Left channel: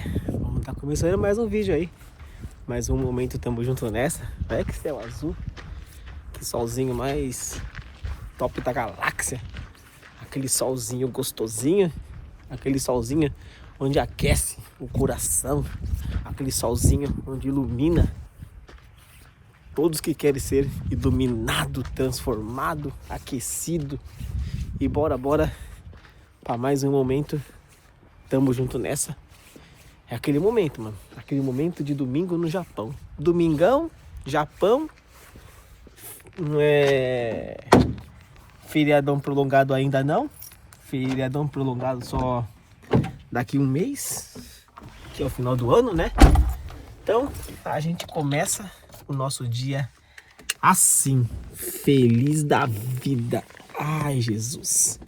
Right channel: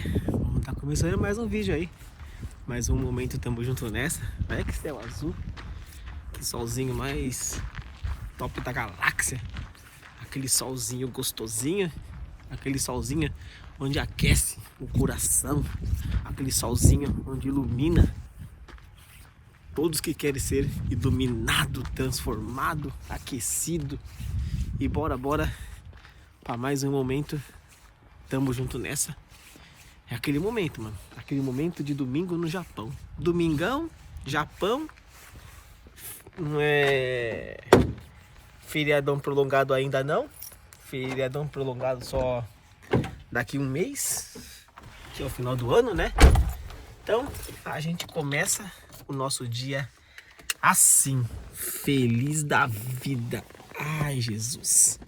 né? Vamos tá começando mais um vídeo aí. Mais um momento, tamo junto nessa. Olha que céu azul. Que solzinho mais top da galáxia. Aquele solzinho gostosinho. Aquele solzinho onde aquece o coração. Aquele solzinho onde ilumina todos que querem ser iluminado, transformado, aquecido. E bora para mais um momento. Tamo junto nessa. É aquele momento, mano. Aquele momento de domingo no Japão. Domingão, Japão. Não é feriadão prolongado ainda não. Feriadão prolongado só daqui um mês. Que é o final do ano, né? Então, a gente começa o nosso dia assim. Feliz da vida. Ai, Jesus.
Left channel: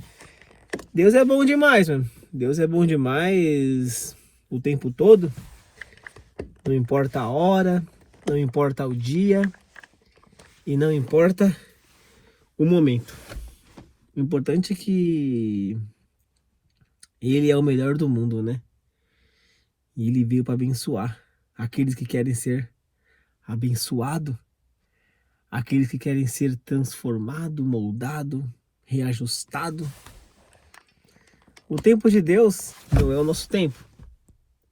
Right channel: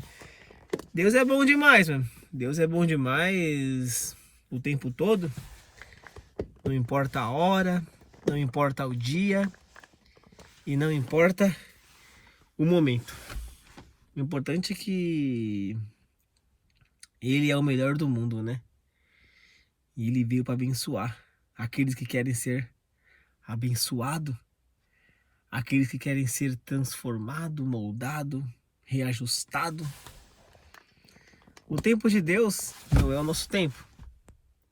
Deus é bom demais, mano. Deus é bom demais o tempo todo. Não importa a hora, não importa o dia e não importa o momento. O importante é que Ele é o melhor do mundo, né? E Ele veio para abençoar aqueles que querem ser abençoados, aqueles que querem ser transformado, moldado, reajustado. O tempo de Deus não é o nosso tempo.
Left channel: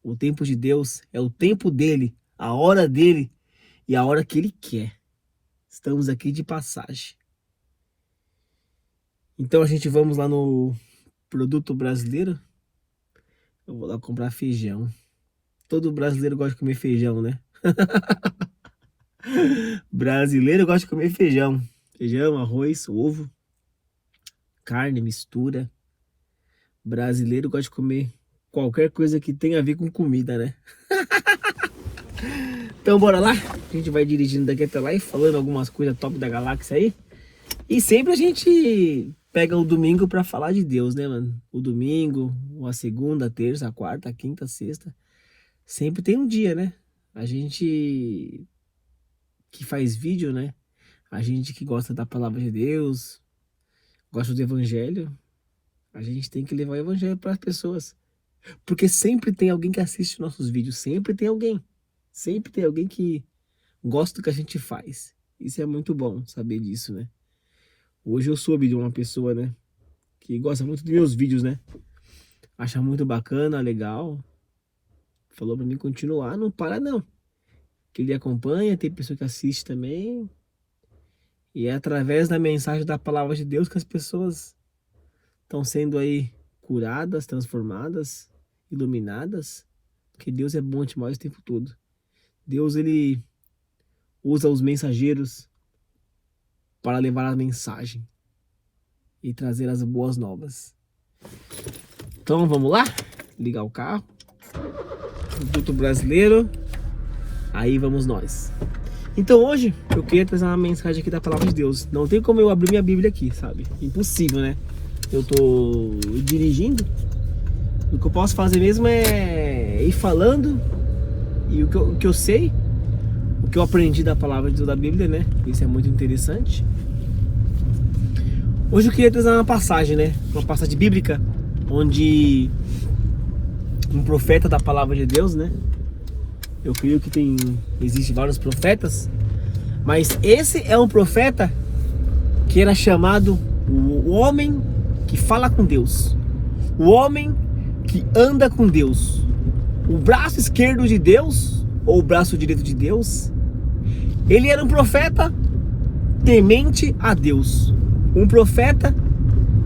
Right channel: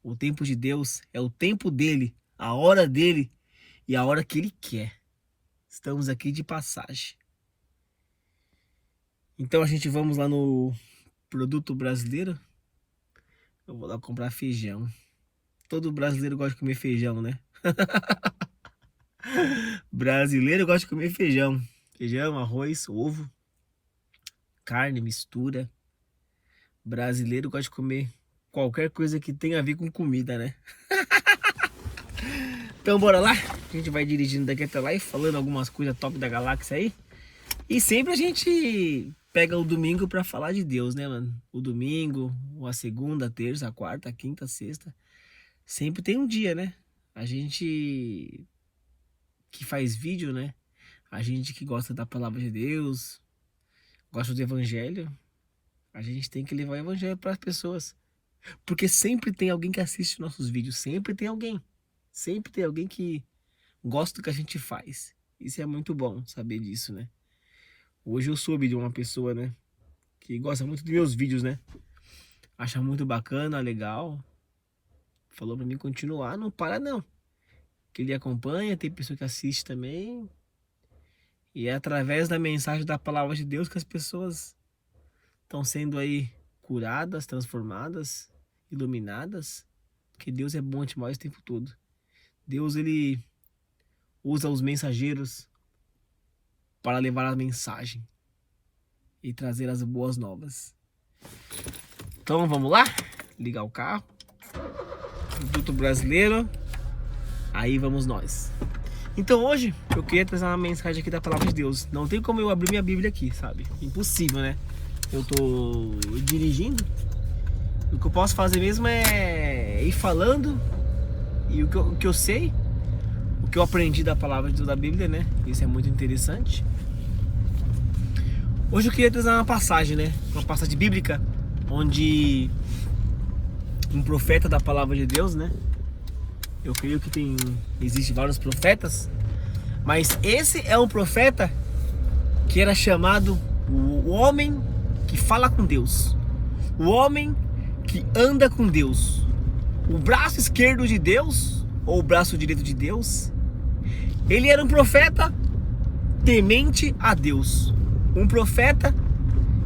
O tempo de Deus é o tempo dele, a hora dele e a hora que ele quer. Estamos aqui de passagem. Então a gente vamos lá no Produto Brasileiro. Eu vou lá comprar feijão. Todo brasileiro gosta de comer feijão, né? Brasileiro gosta de comer feijão. Feijão, arroz, ovo, carne, mistura. Brasileiro gosta de comer qualquer coisa que tenha a ver com comida, né? Então bora lá. A gente vai dirigindo daqui até lá e falando algumas coisas top da galáxia aí. E sempre a gente pega o domingo pra falar de Deus, né, mano? O domingo, a segunda, a terça, a quarta, a quinta, a sexta. Sempre tem um dia, né? A gente que faz vídeo, né? A gente que gosta da palavra de Deus, gosta do evangelho. A gente tem que levar o evangelho para as pessoas. Porque sempre tem alguém que assiste nossos vídeos. Sempre tem alguém. Sempre tem alguém que gosta do que a gente faz. Isso é muito bom saber disso, né? Hoje eu soube de uma pessoa, né? Que gosta muito dos meus vídeos, né? Acha muito bacana, legal. Falou para mim continuar. Não para não. Que ele acompanha, tem pessoa que assiste também. E é através da mensagem da palavra de Deus que as pessoas estão sendo aí curadas, transformadas, iluminadas, porque Deus é bom demais o tempo todo. Deus, ele usa os mensageiros para levar a mensagem e trazer as boas novas. Então vamos lá, ligar o carro, Produto Brasileiro, aí vamos nós. Então hoje eu queria trazer uma mensagem aqui da palavra de Deus. Não tem como eu abrir minha Bíblia aqui, sabe? Impossível, né? Eu tô dirigindo. O que eu posso fazer mesmo é ir falando. E o que eu sei, o que eu aprendi da palavra de Deus da Bíblia, né? Isso é muito interessante. Hoje eu queria trazer uma passagem, né? Uma passagem bíblica, onde um profeta da palavra de Deus, né? Eu creio que existe vários profetas, mas esse é um profeta que era chamado o homem que fala com Deus, o homem que anda com Deus, o braço esquerdo de Deus ou o braço direito de Deus. Ele era um profeta temente a Deus, um profeta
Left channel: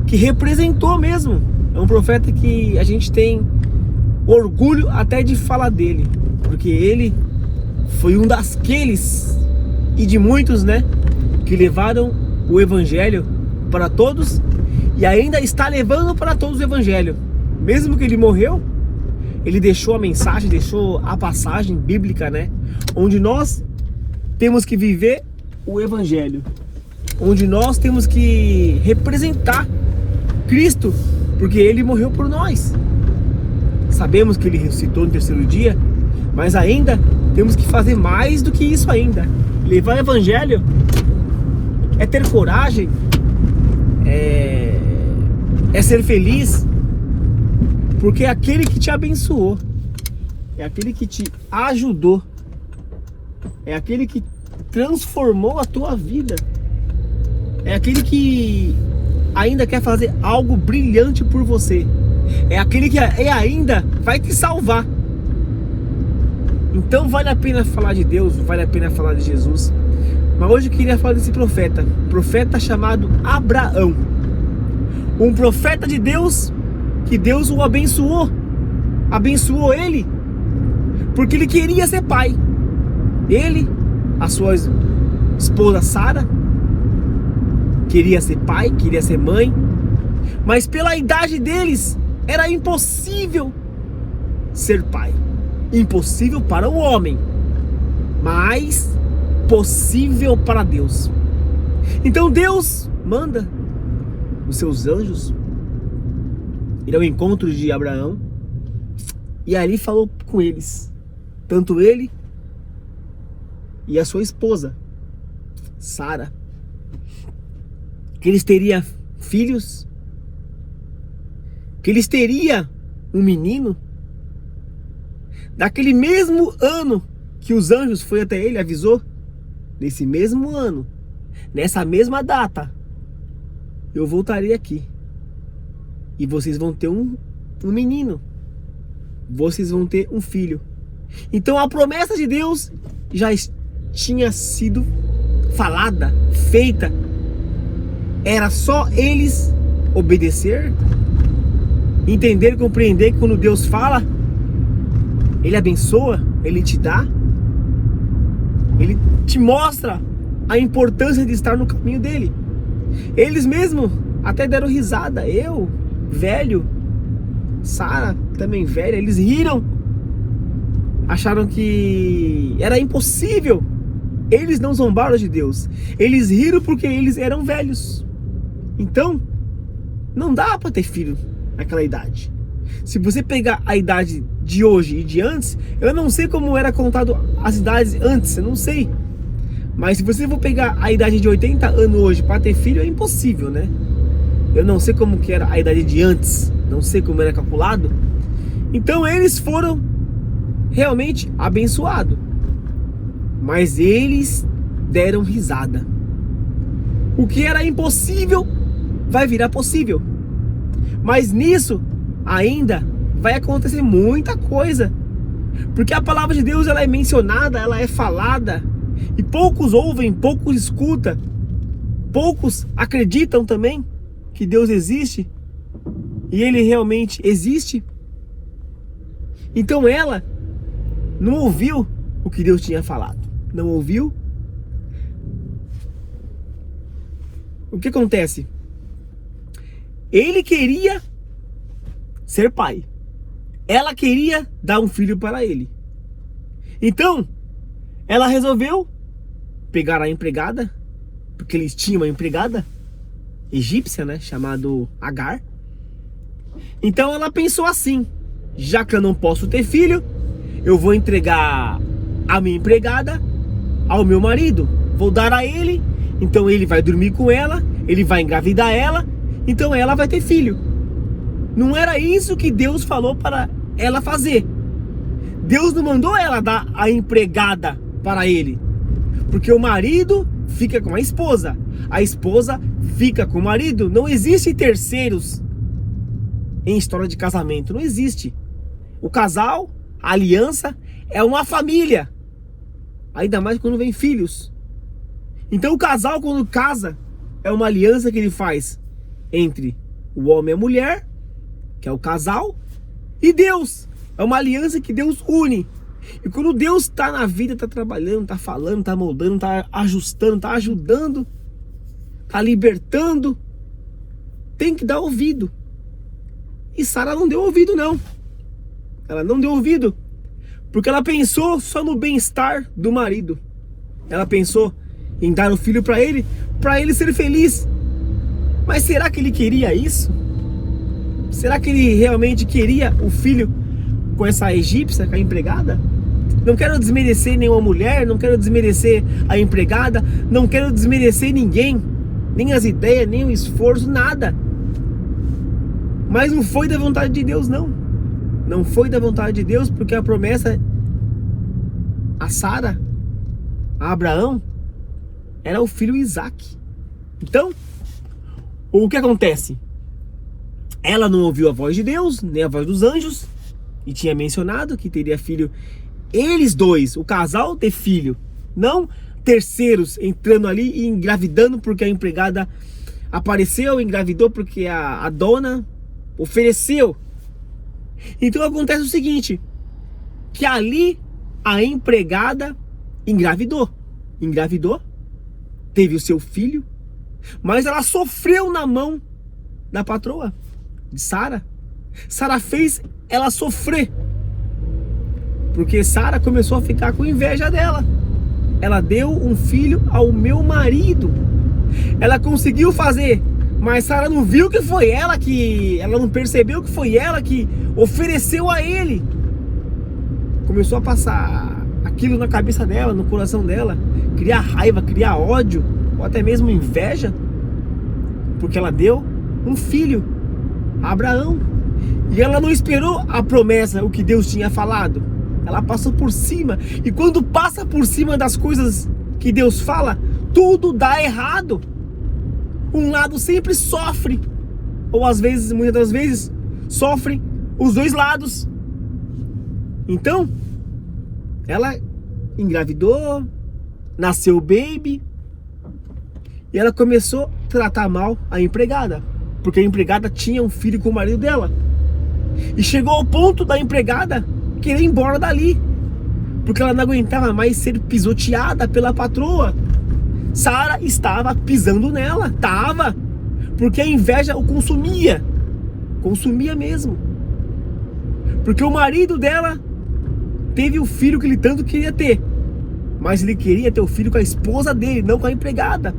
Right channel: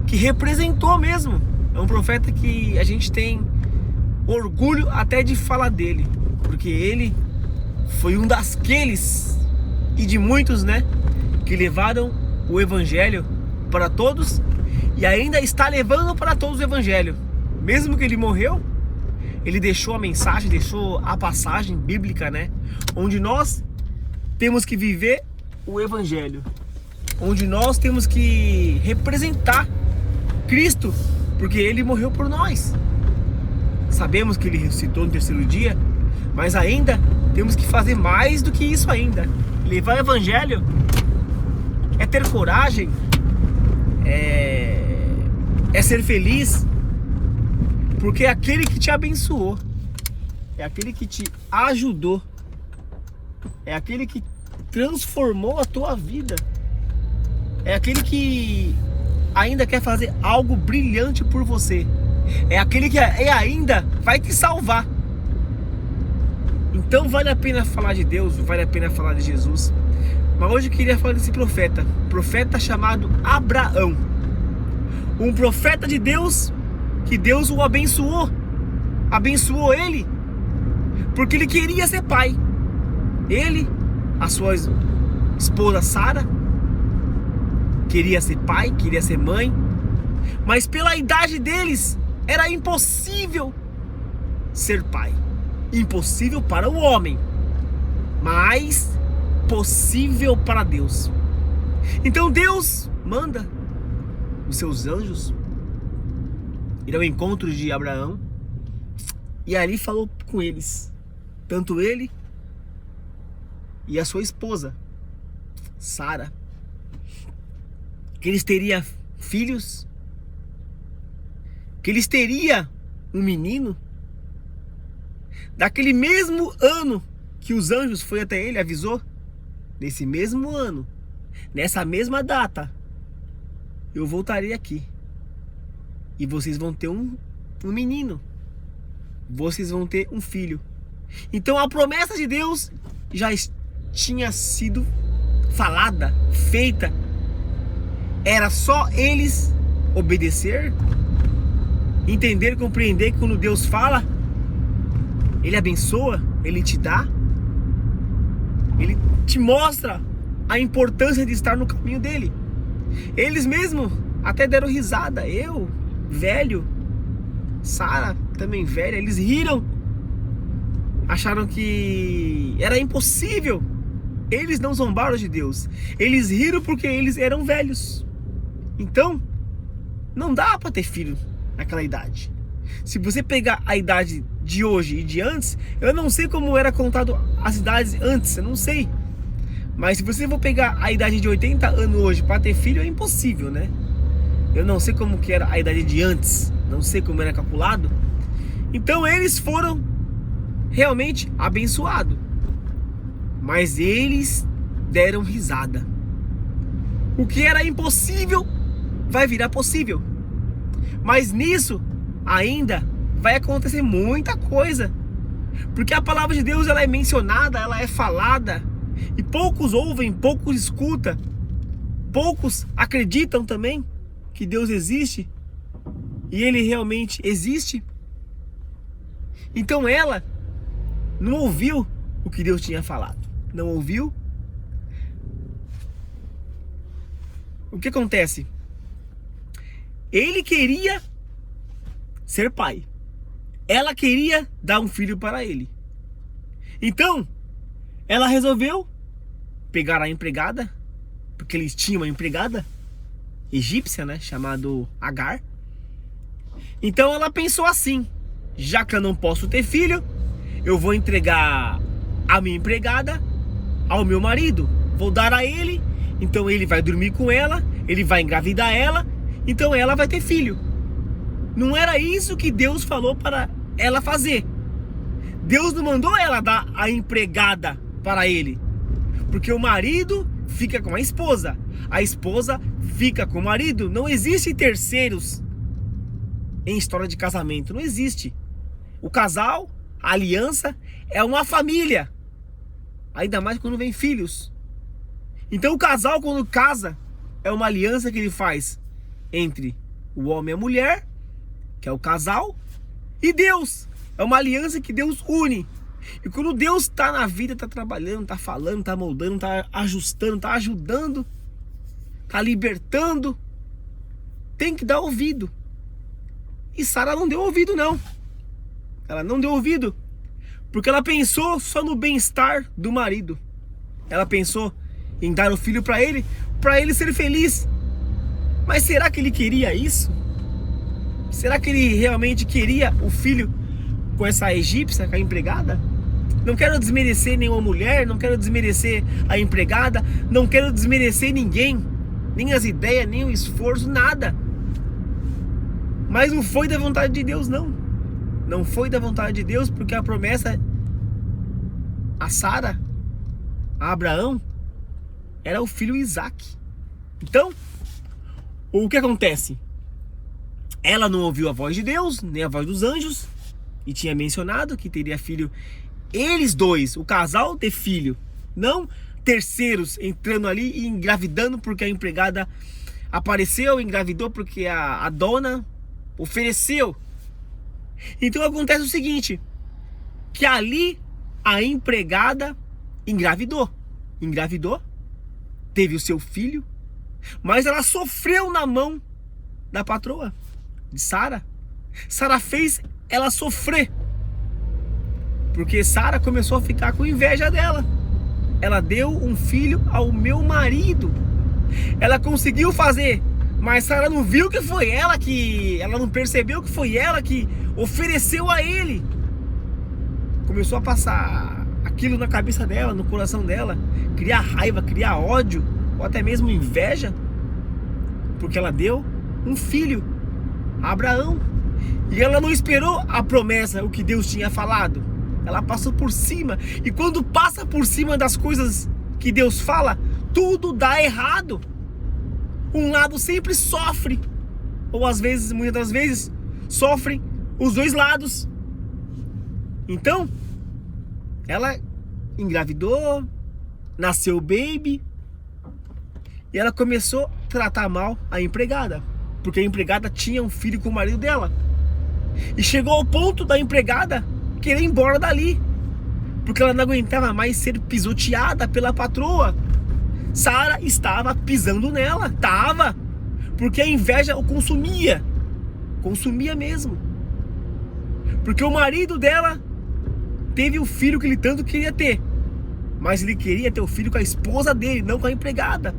que representou mesmo, é um profeta que a gente tem orgulho até de falar dele, porque ele foi um daqueles e de muitos, né, que levaram o evangelho para todos e ainda está levando para todos o evangelho. Mesmo que ele morreu, ele deixou a mensagem, deixou a passagem bíblica, né? Onde nós temos que viver o evangelho, onde nós temos que representar Cristo, porque ele morreu por nós. Sabemos que ele ressuscitou no terceiro dia, mas ainda temos que fazer mais do que isso ainda. Levar o evangelho é ter coragem, é ser feliz, porque é aquele que te abençoou, é aquele que te ajudou, é aquele que transformou a tua vida, é aquele que ainda quer fazer algo brilhante por você, é aquele que ainda vai te salvar. Então vale a pena falar de Deus, vale a pena falar de Jesus. Mas hoje eu queria falar desse profeta chamado Abraão, um profeta de Deus, que Deus o abençoou ele, porque ele queria ser pai. Ele, a sua esposa Sara, queria ser pai, queria ser mãe, mas pela idade deles era impossível ser pai. Impossível para o homem, mas possível para Deus. Então Deus manda os seus anjos ir ao encontro de Abraão e ali falou com eles, tanto ele e a sua esposa Sara, que eles teriam filhos, que eles teriam um menino. Daquele mesmo ano que os anjos foi até ele, avisou, nesse mesmo ano, nessa mesma data, eu voltarei aqui e vocês vão ter um menino, vocês vão ter um filho. Então a promessa de Deus já tinha sido falada, feita. Era só eles obedecer, entender e compreender que quando Deus fala, Ele abençoa, Ele te dá, Ele te mostra a importância de estar no caminho dele. Eles mesmos até deram risada, eu, velho, Sara também velha, eles riram, acharam que era impossível. Eles não zombaram de Deus, eles riram porque eles eram velhos. Então, não dá para ter filho naquela idade. Se você pegar a idade de hoje e de antes, eu não sei como era contado as idades antes, eu não sei. Mas se você for pegar a idade de 80 anos hoje para ter filho, é impossível, né? Eu não sei como que era a idade de antes, não sei como era calculado. Então eles foram realmente abençoados, mas eles deram risada. O que era impossível vai virar possível. Mas nisso ainda vai acontecer muita coisa, porque a palavra de Deus, ela é mencionada, ela é falada, e poucos ouvem, poucos escutam, poucos acreditam também que Deus existe, e Ele realmente existe. Então ela não ouviu o que Deus tinha falado, não ouviu. O que acontece? Ele queria ser pai, ela queria dar um filho para ele. Então ela resolveu pegar a empregada, porque eles tinham uma empregada egípcia, né, chamado Agar. Então ela pensou assim: já que eu não posso ter filho, eu vou entregar a minha empregada ao meu marido, vou dar a ele, então ele vai dormir com ela, ele vai engravidar ela, então ela vai ter filho. Não era isso que Deus falou para ela fazer. Deus não mandou ela dar a empregada para ele, porque o marido fica com a esposa fica com o marido. Não existe terceiros em história de casamento, não existe. O casal, a aliança, é uma família, ainda mais quando vem filhos. Então o casal, quando casa, é uma aliança que ele faz entre o homem e a mulher, que é o casal, e Deus. É uma aliança que Deus une. E quando Deus está na vida, está trabalhando, está falando, está moldando, está ajustando, está ajudando, está libertando, tem que dar ouvido. E Sara não deu ouvido, não. Ela não deu ouvido, porque ela pensou só no bem-estar do marido. Ela pensou em dar o filho para ele ser feliz. Mas será que ele queria isso? Será que ele realmente queria o filho com essa egípcia, com a empregada? Não quero desmerecer nenhuma mulher, não quero desmerecer a empregada, não quero desmerecer ninguém, nem as ideias, nem o esforço, nada. Mas não foi da vontade de Deus, não. não foi da vontade de Deus, porque a promessa a Sara, a Abraão, era o filho Isaac. Então, o que acontece? Ela não ouviu a voz de Deus, nem a voz dos anjos, e tinha mencionado que teria filho. Eles dois, o casal, ter filho, não terceiros entrando ali e engravidando porque a empregada apareceu, engravidou porque a dona ofereceu. Então acontece o seguinte, que ali a empregada engravidou, teve o seu filho, mas ela sofreu na mão da patroa de Sara. Sara fez ela sofrer, porque Sara começou a ficar com inveja dela. Ela deu um filho ao meu marido. Ela conseguiu fazer, mas Sara não viu que foi ela que... Ela não percebeu que foi ela que ofereceu a ele. Começou a passar aquilo na cabeça dela, no coração dela. Criar raiva, criar ódio, ou até mesmo inveja. Porque ela deu um filho a Abraão. E ela não esperou a promessa, o que Deus tinha falado. Ela passou por cima. E quando passa por cima das coisas que Deus fala, tudo dá errado. Um lado sempre sofre. Ou às vezes, muitas das vezes, sofrem os dois lados. Então, ela engravidou, nasceu o baby, e ela começou a tratar mal a empregada, porque a empregada tinha um filho com o marido dela. E chegou ao ponto da empregada querer ir embora dali, porque ela não aguentava mais ser pisoteada pela patroa. Sara estava pisando nela, porque a inveja o consumia mesmo. Porque o marido dela teve o filho que ele tanto queria ter, mas ele queria ter o filho com a esposa dele, não com a empregada.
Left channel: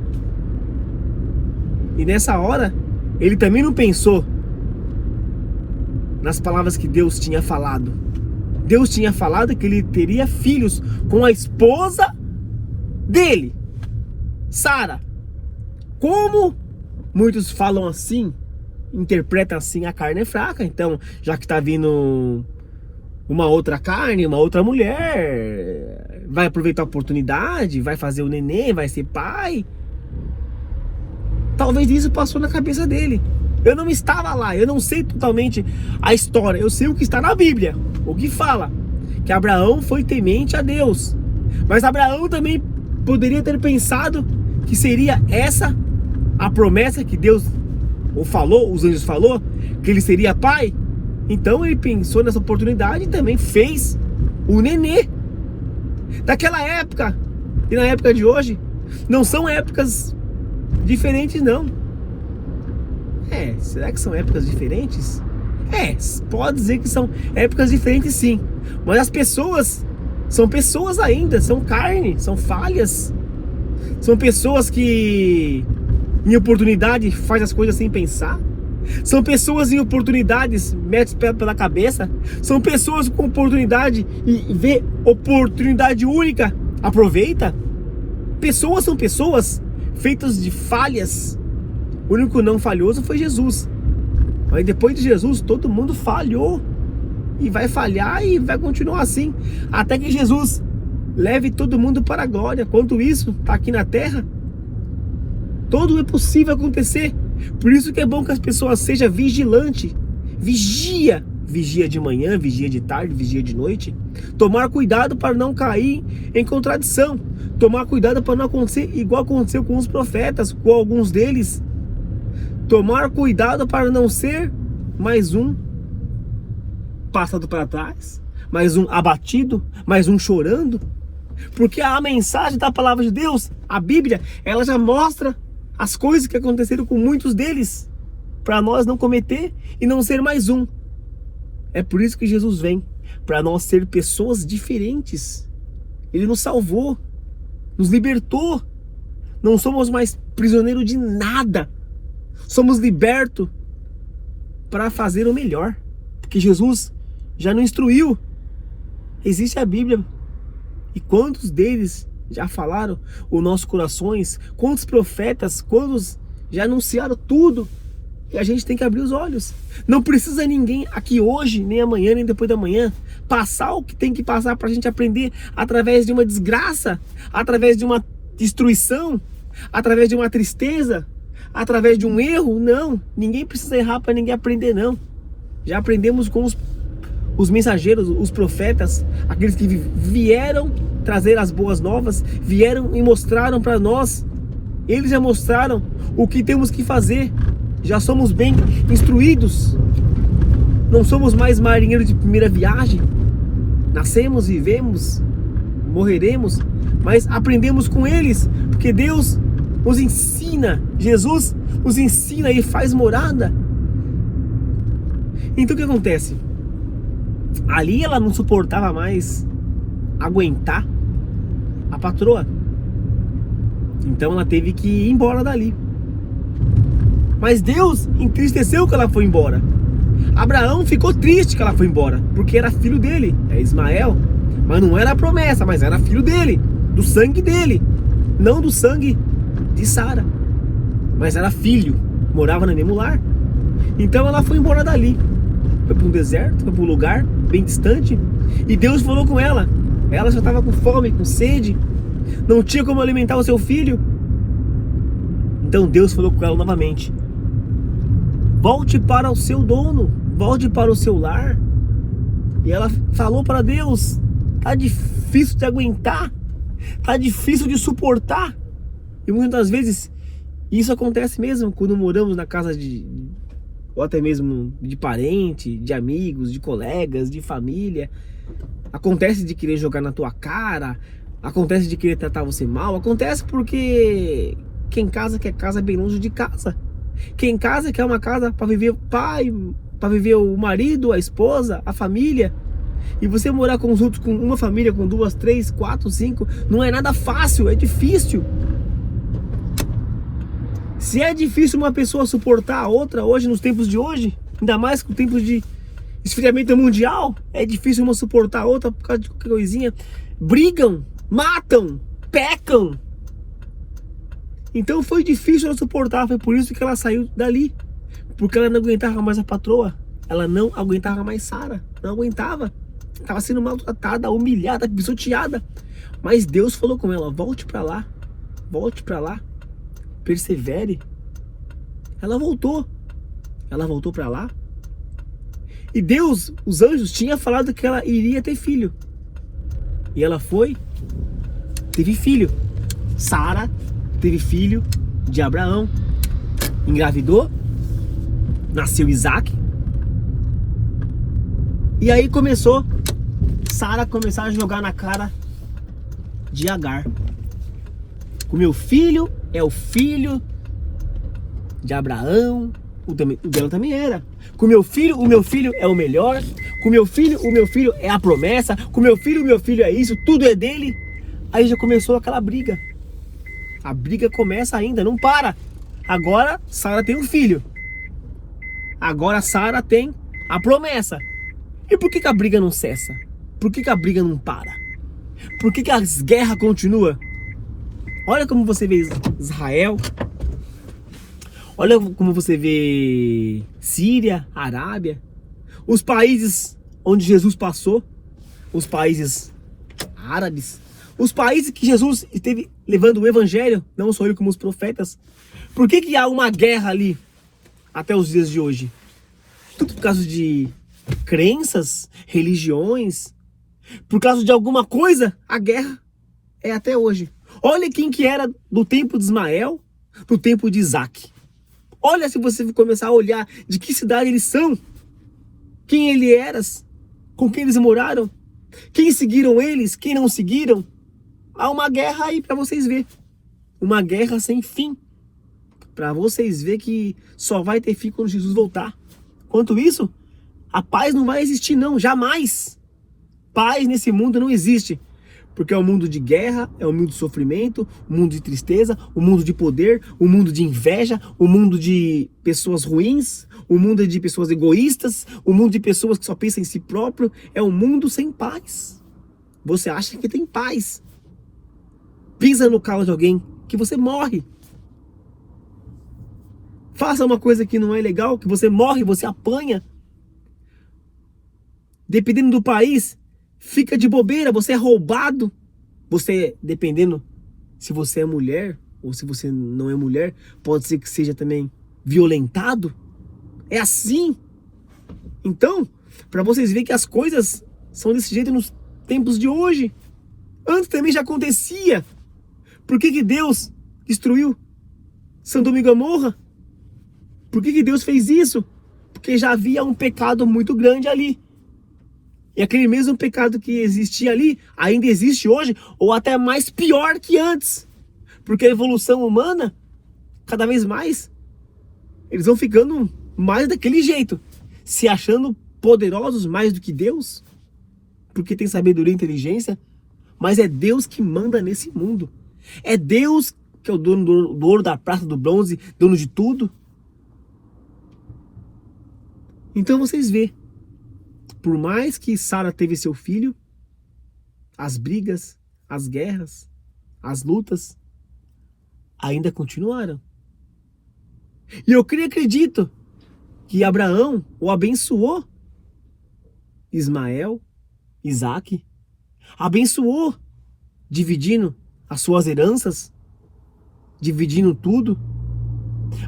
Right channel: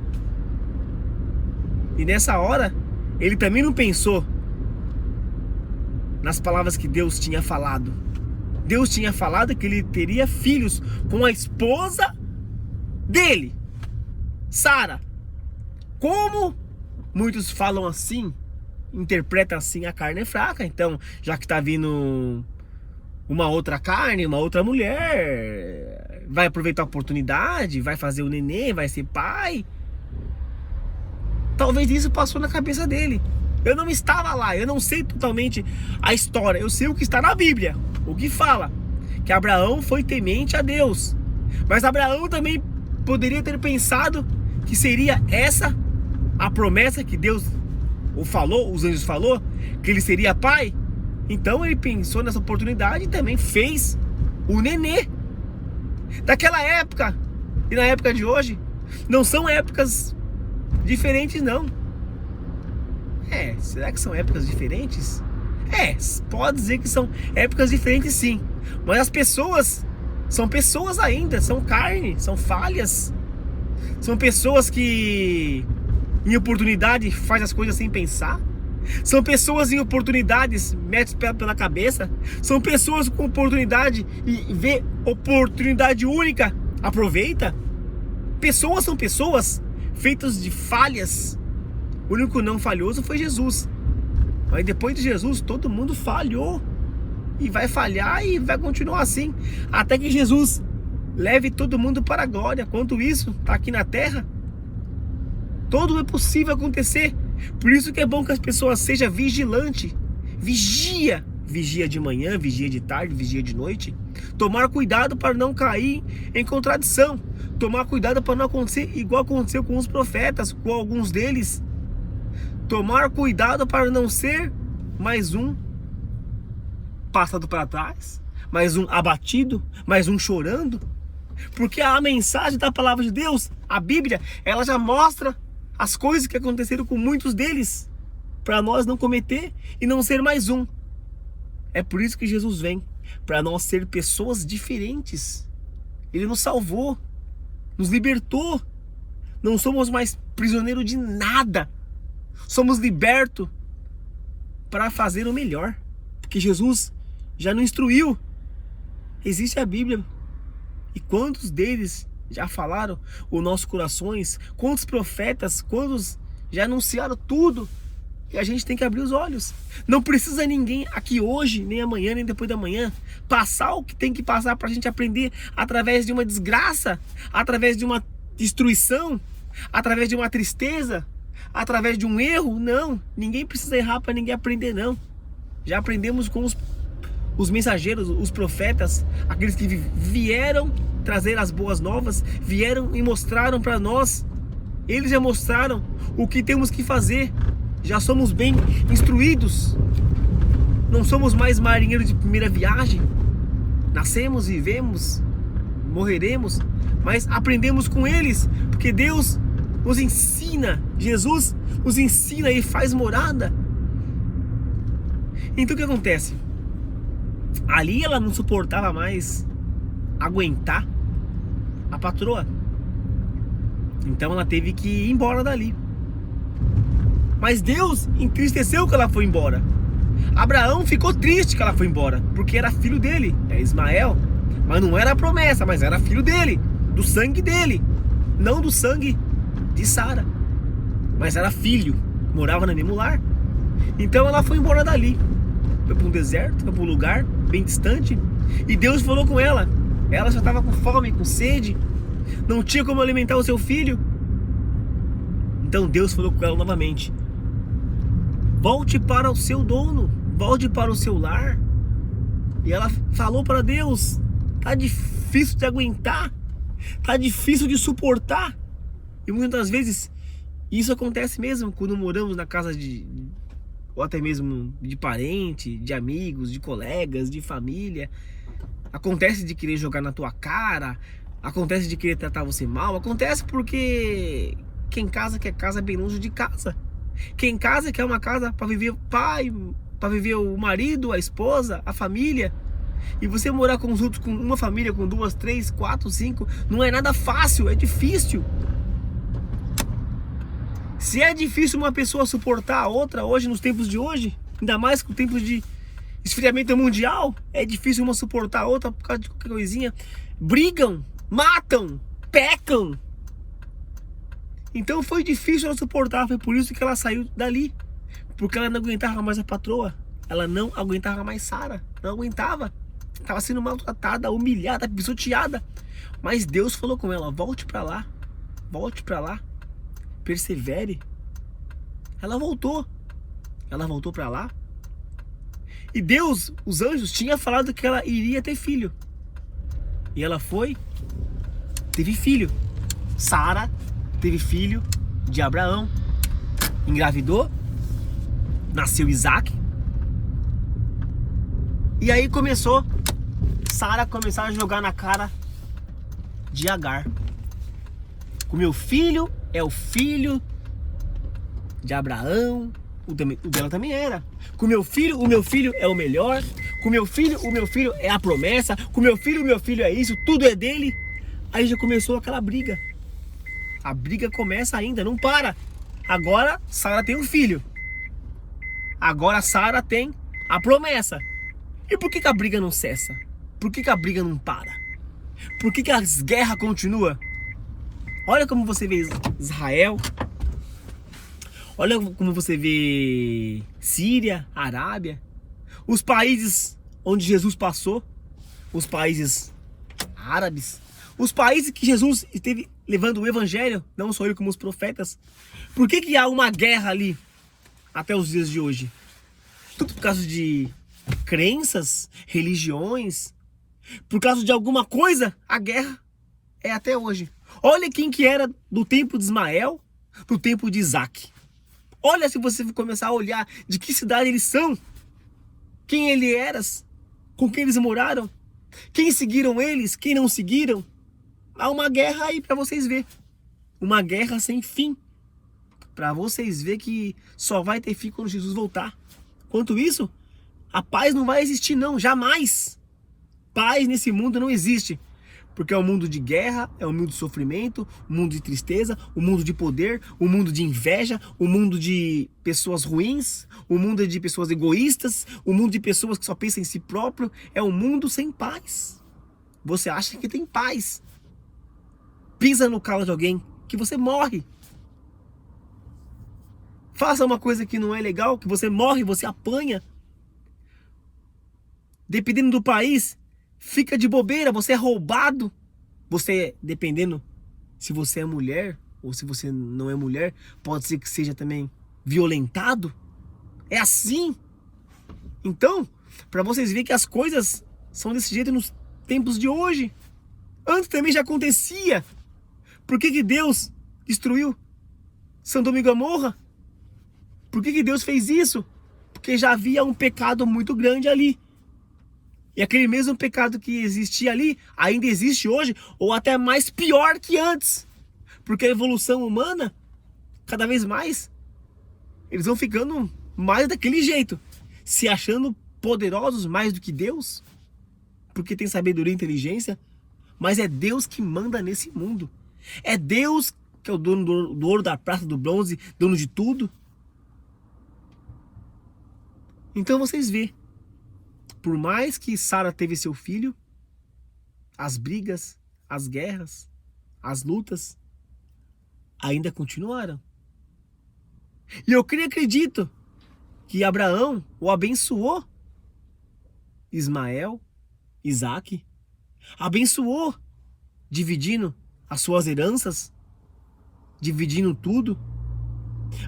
E nessa hora, ele também não pensou nas palavras que Deus tinha falado. Deus tinha falado que ele teria filhos com a esposa dele, Sara. Como muitos falam assim, interpretam assim, a carne é fraca. Então, já que está vindo uma outra carne, uma outra mulher, vai aproveitar a oportunidade, vai fazer o neném, vai ser pai. Talvez isso passou na cabeça dele. Eu não estava lá, eu não sei totalmente a história. Eu sei o que está na Bíblia, o que fala que Abraão foi temente a Deus. Mas Abraão também poderia ter pensado que seria essa a promessa que Deus falou, os anjos falou, que ele seria pai. Então ele pensou nessa oportunidade e também fez o nenê. Daquela época e na época de hoje, não são épocas diferentes, não. Será que são épocas diferentes? Pode dizer que são épocas diferentes, sim. Mas as pessoas são pessoas ainda, são carne, são falhas. São pessoas que em oportunidade faz as coisas sem pensar. São pessoas em oportunidades metem pela cabeça. São pessoas com oportunidade e vê oportunidade única, aproveita. Pessoas são pessoas feitas de falhas. O único não falhoso foi Jesus. Mas depois de Jesus, todo mundo falhou. E vai falhar e vai continuar assim. Até que Jesus leve todo mundo para a glória. Quanto isso está aqui na terra, tudo é possível acontecer. Por isso que é bom que as pessoas sejam vigilantes. Vigia. Vigia de manhã, vigia de tarde, vigia de noite. Tomar cuidado para não cair em contradição. Tomar cuidado para não acontecer igual aconteceu com os profetas, com alguns deles. Tomar cuidado para não ser mais um passado para trás, mais um abatido, mais um chorando. Porque a mensagem da palavra de Deus, a Bíblia, ela já mostra as coisas que aconteceram com muitos deles, para nós não cometer e não ser mais um. É por isso que Jesus vem, para nós ser pessoas diferentes. Ele nos salvou, nos libertou. Não somos mais prisioneiros de nada. Somos libertos para fazer o melhor, porque Jesus já nos instruiu. Existe a Bíblia, e quantos deles já falaram os nossos corações? Quantos profetas, quantos já anunciaram tudo E a gente tem que abrir os olhos. Não precisa ninguém aqui hoje, nem amanhã, nem depois da manhã, passar o que tem que passar para a gente aprender através de uma desgraça, através de uma destruição, através de uma tristeza, através de um erro. Não, ninguém precisa errar para ninguém aprender, não. Já aprendemos com os mensageiros, os profetas, aqueles que vieram trazer as boas novas, vieram e mostraram para nós. Eles já mostraram o que temos que fazer. Já somos bem instruídos. Não somos mais marinheiros de primeira viagem. Nascemos, vivemos, morreremos, mas aprendemos com eles, porque Deus nos ensina, Jesus nos ensina e faz morada. Então o que acontece? Ali ela não suportava mais aguentar a patroa. Então ela teve que ir embora dali. Mas Deus entristeceu que ela foi embora. Abraão ficou triste que ela foi embora, porque era filho dele, é Ismael. Mas não era a promessa, mas era filho dele, do sangue dele, não do sangue de Sara. Mas era filho, morava no mesmo lar. Então ela foi embora dali. Foi para um deserto, foi para um lugar bem distante. E Deus falou com ela. Ela já estava com fome, com sede, não tinha como alimentar o seu filho. Então Deus falou com ela novamente: volte para o seu dono, volte para o seu lar. E ela falou para Deus: tá difícil de aguentar, tá difícil de suportar. E muitas vezes isso acontece mesmo quando moramos na casa ou até mesmo de parente, de amigos, de colegas, de família. Acontece de querer jogar na tua cara, acontece de querer tratar você mal, acontece porque quem casa quer casa bem longe de casa. Quem casa quer uma casa para viver o pai, para viver o marido, a esposa, a família. E você morar com os outros, com uma família, com 2, 3, 4, 5, não é nada fácil, é difícil. Se é difícil uma pessoa suportar a outra hoje, nos tempos de hoje, ainda mais com tempos de esfriamento mundial, é difícil uma suportar a outra por causa de qualquer coisinha. Brigam, matam, pecam. Então foi difícil ela suportar, foi por isso que ela saiu dali. Porque ela não aguentava mais a patroa, ela não aguentava mais Sara, não aguentava. Estava sendo maltratada, humilhada, pisoteada. Mas Deus falou com ela: volte para lá, persevere. Ela voltou para lá. E Deus, os anjos, tinha falado que ela iria ter filho. E ela foi, teve filho. Sara teve filho de Abraão, engravidou, nasceu Isaac. E aí Sara começou a jogar na cara de Agar: o meu filho é o filho de Abraão. O dela também era. Com o meu filho é o melhor. Com o meu filho é a promessa. Com o meu filho é isso, tudo é dele. Aí já começou aquela briga. A briga começa ainda, não para. Agora Sara tem um filho. Agora Sara tem a promessa. E por que a briga não cessa? Por que a briga não para? Por que as guerras continuam? Olha como você vê Israel. Olha como você vê Síria, Arábia. Os países onde Jesus passou. Os países árabes. Os países que Jesus esteve levando o evangelho. Não só ele, como os profetas. Por que há uma guerra ali até os dias de hoje? Tudo por causa de crenças, religiões. Por causa de alguma coisa, a guerra é até hoje. Olha quem que era do tempo de Ismael, do tempo de Isaac. Olha, se você começar a olhar de que cidade eles são, quem ele era, com quem eles moraram, quem seguiram eles, quem não seguiram. Há uma guerra aí para vocês verem. Uma guerra sem fim. Para vocês verem que só vai ter fim quando Jesus voltar. Quanto isso, a paz não vai existir não, jamais. Paz nesse mundo não existe. Porque é um mundo de guerra, é um mundo de sofrimento, um mundo de tristeza, um mundo de poder, um mundo de inveja, um mundo de pessoas ruins, um mundo de pessoas egoístas, um mundo de pessoas que só pensam em si próprio. É um mundo sem paz. Você acha que tem paz? Pisa no carro de alguém que você morre. faça uma coisa que não é legal, que você morre, você apanha. Dependendo do país, fica de bobeira, você é roubado. Você, dependendo se você é mulher ou se você não é mulher, pode ser que seja também violentado. É assim. Então, para vocês verem que as coisas são desse jeito nos tempos de hoje. Antes também já acontecia. Por que Deus destruiu Sodoma e Gomorra? Por que Deus fez isso? Porque já havia um pecado muito grande ali. E aquele mesmo pecado que existia ali, ainda existe hoje, ou até mais pior que antes. Porque a evolução humana, cada vez mais, eles vão ficando mais daquele jeito. Se achando poderosos mais do que Deus. Porque tem sabedoria e inteligência. Mas é Deus que manda nesse mundo. É Deus que é o dono do ouro, da prata, do bronze, dono de tudo. Então vocês vê, por mais que Sara teve seu filho, as brigas, as guerras, as lutas ainda continuaram. E eu creio e acredito que Abraão o abençoou. Ismael, Isaac, abençoou, dividindo as suas heranças, dividindo tudo.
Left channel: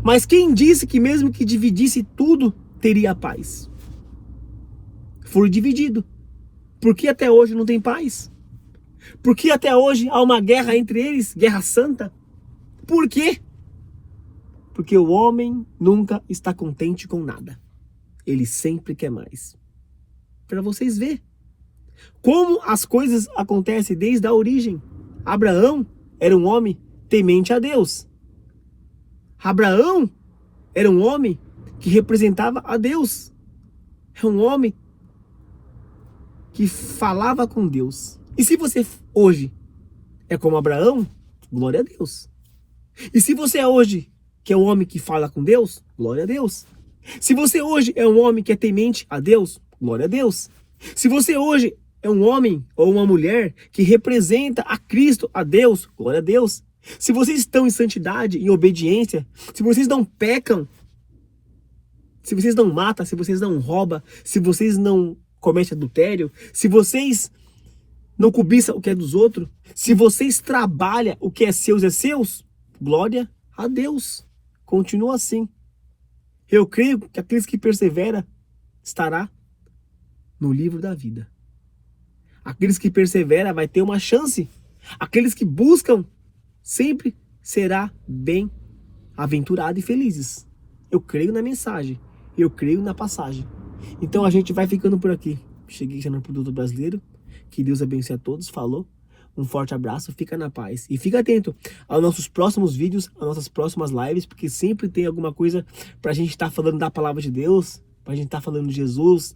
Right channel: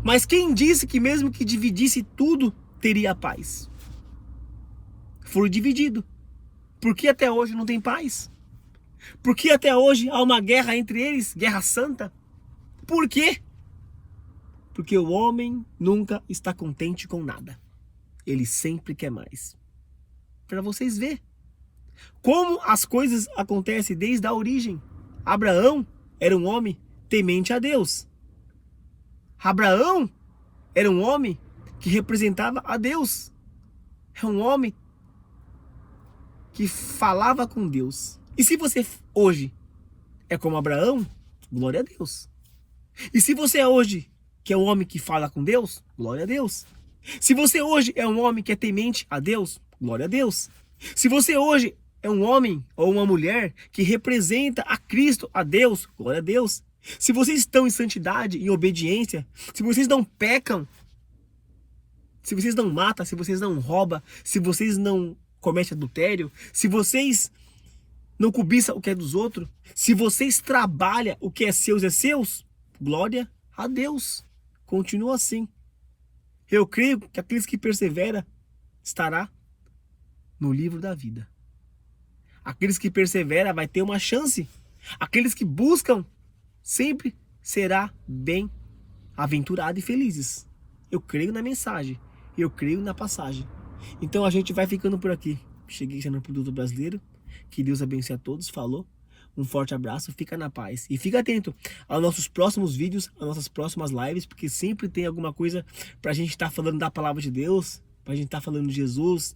Mas quem disse que mesmo que dividisse tudo, teria paz? Foi dividido. Por que até hoje não tem paz? Por que até hoje há uma guerra entre eles, guerra santa? Por quê? Porque o homem nunca está contente com nada. Ele sempre quer mais. Para vocês verem como as coisas acontecem desde a origem. Abraão era um homem temente a Deus. Abraão era um homem que representava a Deus. É um homem que falava com Deus. E se você hoje é como Abraão, glória a Deus. E se você é hoje que é um homem que fala com Deus, glória a Deus. Se você hoje é um homem que é temente a Deus, glória a Deus. Se você hoje é um homem ou uma mulher que representa a Cristo, a Deus, glória a Deus. Se vocês estão em santidade, em obediência, se vocês não pecam, se vocês não matam, se vocês não roubam, se vocês não cometem adultério, se vocês não cobiçam o que é dos outros, se vocês trabalham o que é seus, glória a Deus. Continua assim. Eu creio que aqueles que perseveram estará no livro da vida. Aqueles que perseveram vai ter uma chance. Aqueles que buscam sempre será bem aventurado e felizes. Eu creio na mensagem. Eu creio na passagem. Então a gente vai ficando por aqui. Cheguei no Produto Brasileiro. Que Deus abençoe a todos. Falou. Um forte abraço. Fica na paz. E fica atento aos nossos próximos vídeos, às nossas próximas lives, porque sempre tem alguma coisa pra gente estar falando da palavra de Deus, pra gente estar falando de Jesus,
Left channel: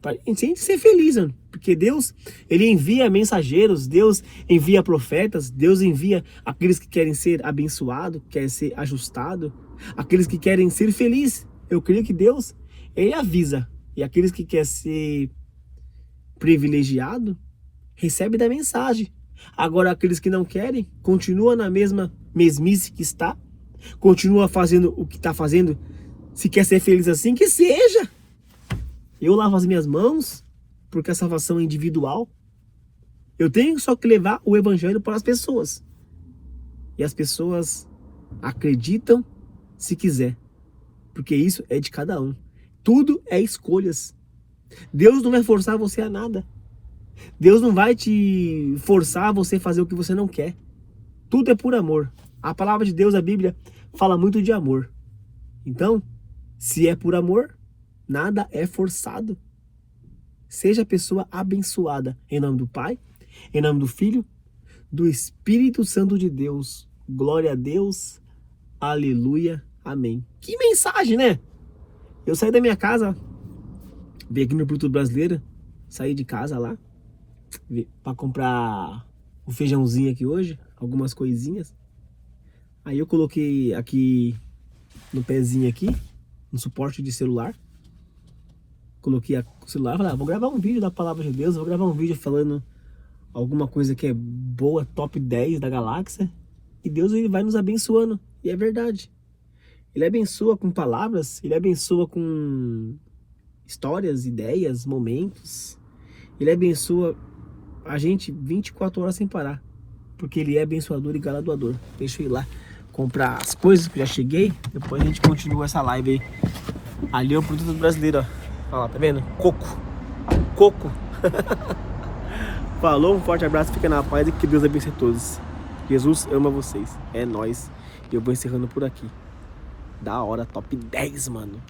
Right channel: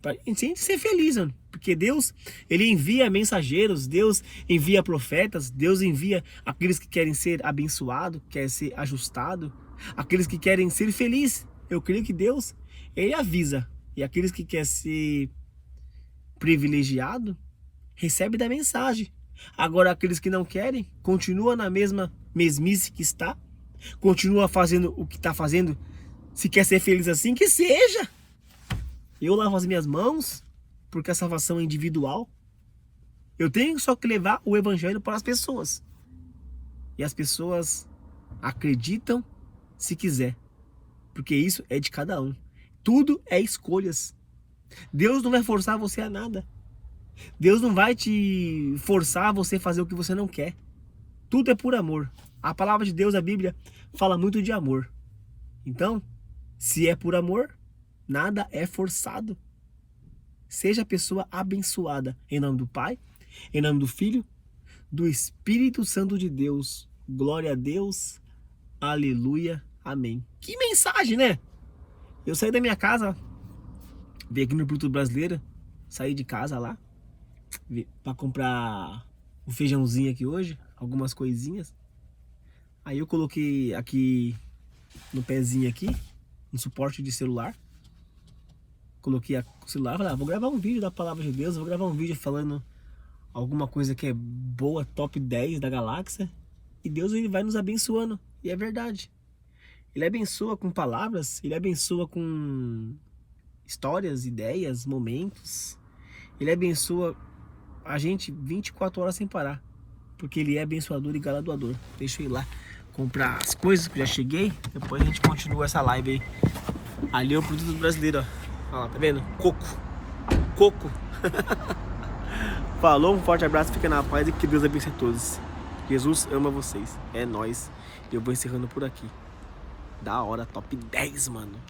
pra gente ser feliz, mano. Porque Deus, Ele envia mensageiros, Deus envia profetas, Deus envia aqueles que querem ser abençoados, querem ser ajustados, aqueles que querem ser felizes. Eu creio que Deus, Ele avisa. E aqueles que querem ser privilegiado, recebe da mensagem. Agora aqueles que não querem, continua na mesma mesmice que está, continua fazendo o que está fazendo. Se quer ser feliz assim, que seja. Eu lavo as minhas mãos, porque a salvação é individual. Eu tenho só que levar o evangelho para as pessoas. E as pessoas acreditam se quiser, porque isso é de cada um. Tudo é escolhas. Deus não vai forçar você a nada. Deus não vai te forçar a você fazer o que você não quer. Tudo é por amor. A palavra de Deus, a Bíblia, fala muito de amor. Então, se é por amor, nada é forçado. Seja a pessoa abençoada. Em nome do Pai, em nome do Filho, do Espírito Santo de Deus. Glória a Deus. Aleluia. Amém. Que mensagem, né? Eu saí da minha casa, vim aqui no Produto Brasileiro, saí de casa lá, para comprar o feijãozinho aqui hoje, algumas coisinhas. Aí eu coloquei aqui no pezinho aqui, no suporte de celular. Coloquei o celular, falei, vou gravar um vídeo da palavra de Deus, vou gravar um vídeo falando alguma coisa que é boa, top 10 da galáxia. E Deus, Ele vai nos abençoando. E é verdade. Ele abençoa com palavras, ele abençoa com histórias, ideias, momentos. Ele abençoa a gente 24 horas sem parar. Porque ele é abençoador e galardoador. Deixa eu ir lá comprar as coisas que eu já cheguei. Depois a gente continua essa live aí. Ali é o produto brasileiro, ó. Olha lá, tá vendo? Coco. Coco. Falou, um forte abraço, fica na paz e que Deus abençoe a todos. Jesus ama vocês. É nóis. Eu vou encerrando por aqui. Da hora, top 10, mano.